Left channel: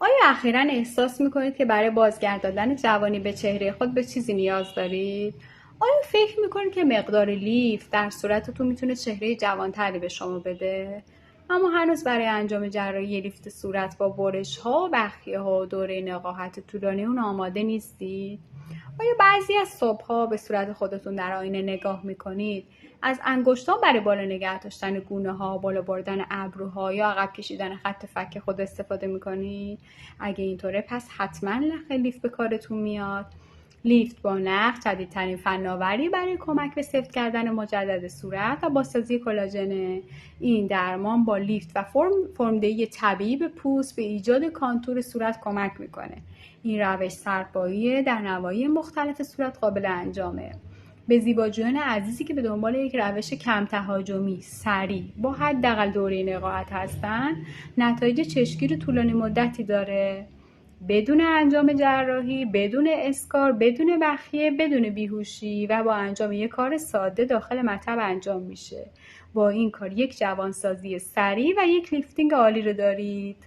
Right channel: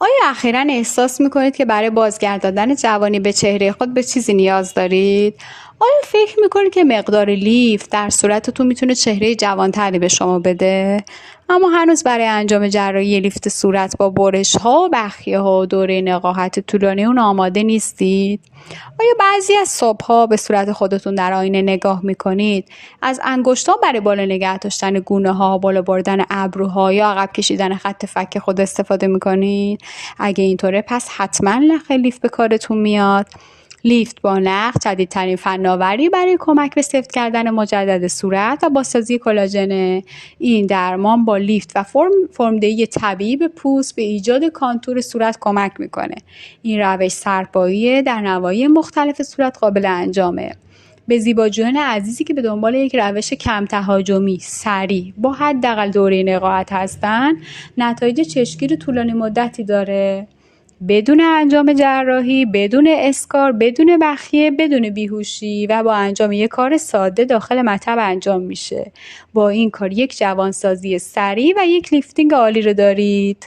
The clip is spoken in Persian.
آیا اخیراً احساس میکنید که برای بازگرداندن جوانی به چهره خود به چیزی نیاز دارید؟ آیا فکر میکنید که مقدار لیف در صورتتون میتونه چهره جوانتری به شما بده؟ اما هنوز برای انجام جراحی لیفت صورت با برش ها و بخیه ها و دوره نقاهت طولانی اون آماده نیستید؟ آیا بعضی از صبح‌ها به صورت خودتون در آینه نگاه می‌کنید؟ از انگشتان برای بالا نگه داشتن گونه‌ها، بالا بردن ابروها یا عقب کشیدن خط فک خود استفاده می‌کنید؟ اگه اینطوره پس حتما نخ لیفت به کارتون میاد. لیفت با نخ جدیدترین فناوری برای کمک به سفت کردن مجدد صورت و بازسازی کلاژن. این درمان با لیفت و فرمدهی طبیعی به پوست به ایجاد کانتور صورت کمک میکنه. این روش سرپاییه، در نواحی مختلف صورت قابل انجامه. به زیباجویان عزیزی که به دنبال یک روش کم تهاجمی، سریع، با حداقل دوره نقاهت هستن، نتایج چشمگیر طولانی مدتی داره. بدون انجام جراحی، بدون اسکار، بدون بخیه، بدون بیهوشی و با انجام یک کار ساده داخل مطب انجام میشه. با این کار یک جوانسازی سریع و یک لیفتینگ عالی رو دارید.